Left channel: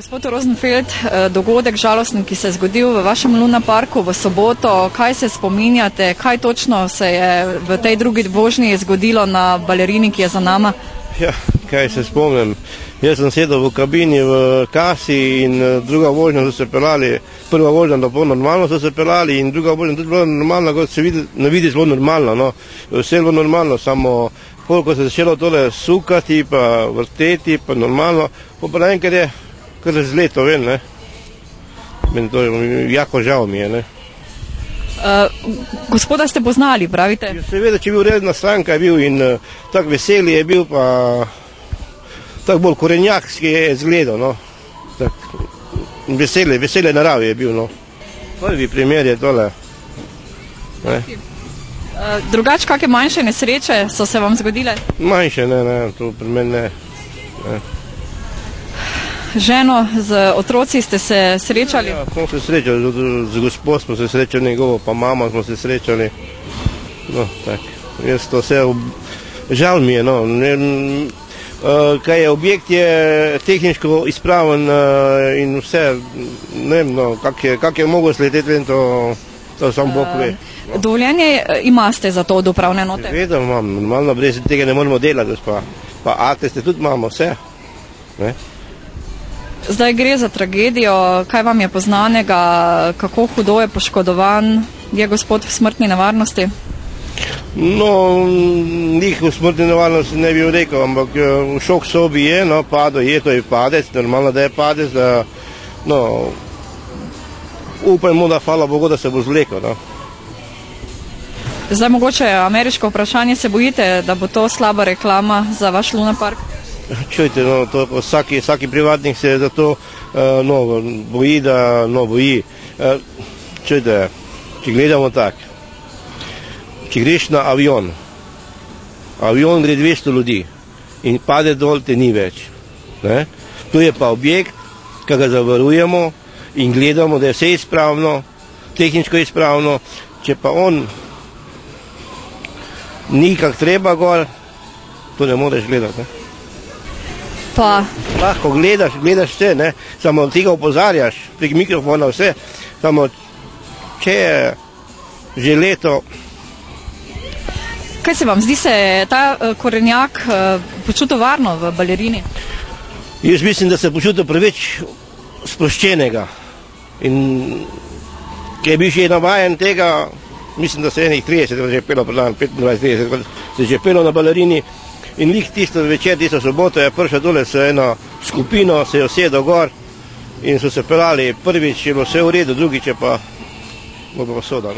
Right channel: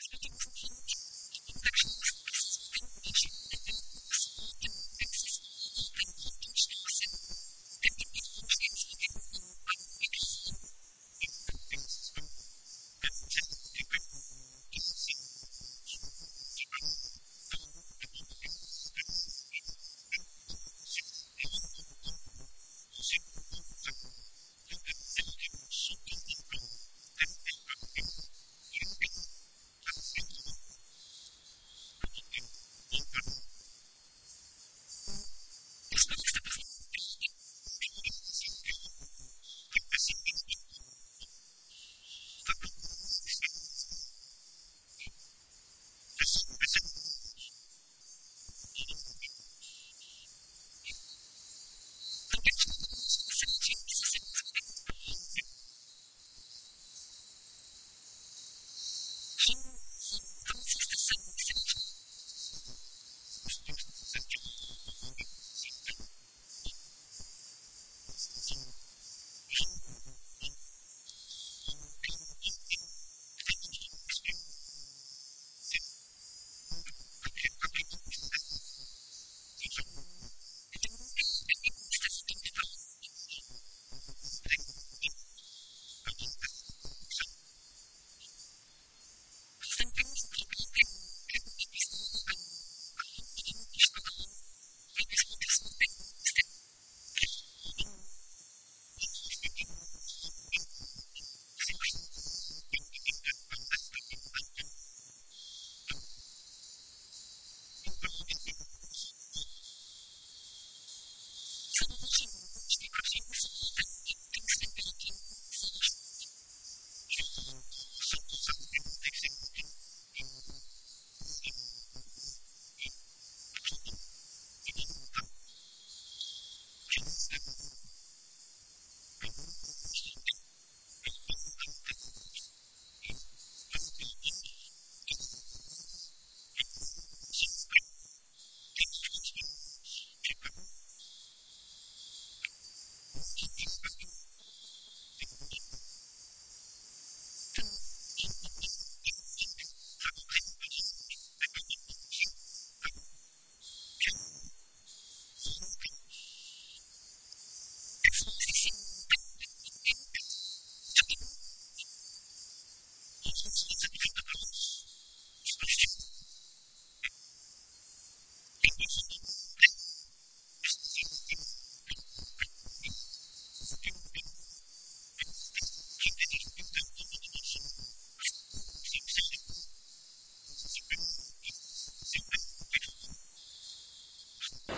Gospod Rosenfeld, dogodek žalosten, ki se je zgodil v vašem lunaparku v soboto, kaj se spominjate, kaj točno se je v tej drugi vožnji zgodilo na balerini, ki je za nama? Ja, kaj se spomnim. Jaz sem sedel v kabini v kasi in druga vožnja so se pelali, prva vožnja bilo normalno so se pelali in druga vožnja tudi bilo normalno, kot se vidi zelo normalno, no. Vse je bilo normalno, samo ko se je začelo tole sukati, pa vrteti, pa normalno, pa naenkrat je kar razleto ven, ne. Meni to je jako žal mi je, ne. Gospoda ste poznali, pravite? Seveda, če je bil redna stranka, je bil in tak veseli je bil, pa tak bolj korenjakski je zgledal, no. Tak vesele naravi je bil, no. Prvi primer je tole. Drugače, kakšne manjše nesreče so se vam zgodile? Manjše, ne, to pri meni ne. Ženo z otroci ste se srečali? Ja, smo se srečali, z gospod smo se srečali, njegovo pa mama smo se srečali. No, tak, jaz to vse, žal mi je, no. Kaj je, objekt je tehničko izpraven in vse, ne vem, no, kak je mogel sleteti, to sam Bog ve. Dovoljenje imate za to od upravne enote? Seveda imam, normalno, brez tega ne moramo delati, pa ateste tudi imamo, vse. Ne? Zdaj gre za tragedijo, kaj vam je poznanega, kako hudo je poškodovan, je gospod v smrtni nevarnosti? No, njih v smrtni nevarnosti ne bi rekel, ampak v šok sobi je, no, padel je, to je padec, normalno, da je padec, da, no, upajmo, da hvala Bogu, da se bo zlekel, no. Zdaj mogoče ameriško vprašanje, se bojite, da bo to slaba reklama za vaš lunapark? Čujte, no, to vsaki privatnik se za to boji, da boji. Čujte, če gledamo tako, če greš na avion gre 200 ljudi in pade dol, te ni več. Ne? Tu je pa objekt, ki ga zavarujemo in gledamo, da je vse izpravno, tehničko izpravno, če pa on ni kak treba gor, to ne moreš gledati. Ne? Pa lahko gledaš vse, ne? Samo ti ga opozarjaš prek mikrofona vse, samo če je že leto. Kaj se vam zdi, se ta korenjak počutil varno v balerini? Jaz mislim, da se počutil preveč sproščenega in ki je bil že navajen tega, mislim, da se enih 30 že pelo predan, 25-30 se že pelo na balerini. In lih tisto večer, tisto soboto je prišla dole s eno skupino, se je usedel gor in so se pelali. Prvič je bilo vse v redu, drugič je pa soda.